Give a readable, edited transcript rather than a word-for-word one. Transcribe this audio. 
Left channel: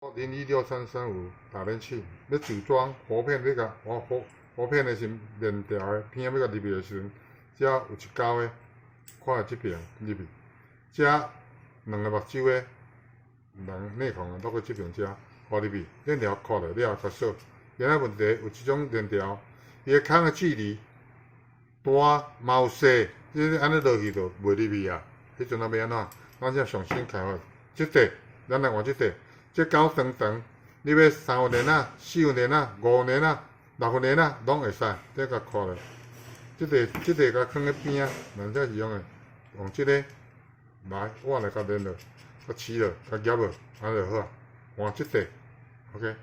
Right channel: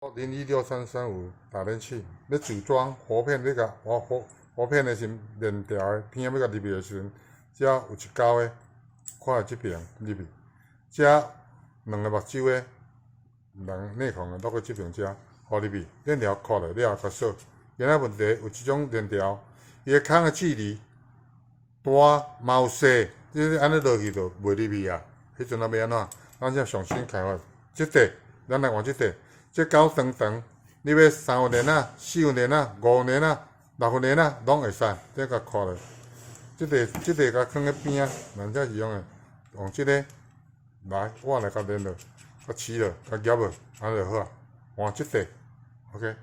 026335打电器要组装活片，要甲活片的是链条的片要甲入去的时阵，遮有一钩的，看即边入去，遮两个目睭的人内孔落去即边遮，放入去，链条扣落了后，甲锁。今仔问题有即种链条，伊个孔的距离大嘛有细，你安尼落去就袂入去啊。迄阵啊要安怎？咱才上新开发，即块咱来换即块。这钩长长，你要3分链仔、4分链仔、5分链仔、6分链仔拢会使，这甲扣落。即块甲放喺边啊，咱才是用的。用即个来，我来甲连落，甲饲落，甲夹落，安尼就好啊。换即块 ，OK。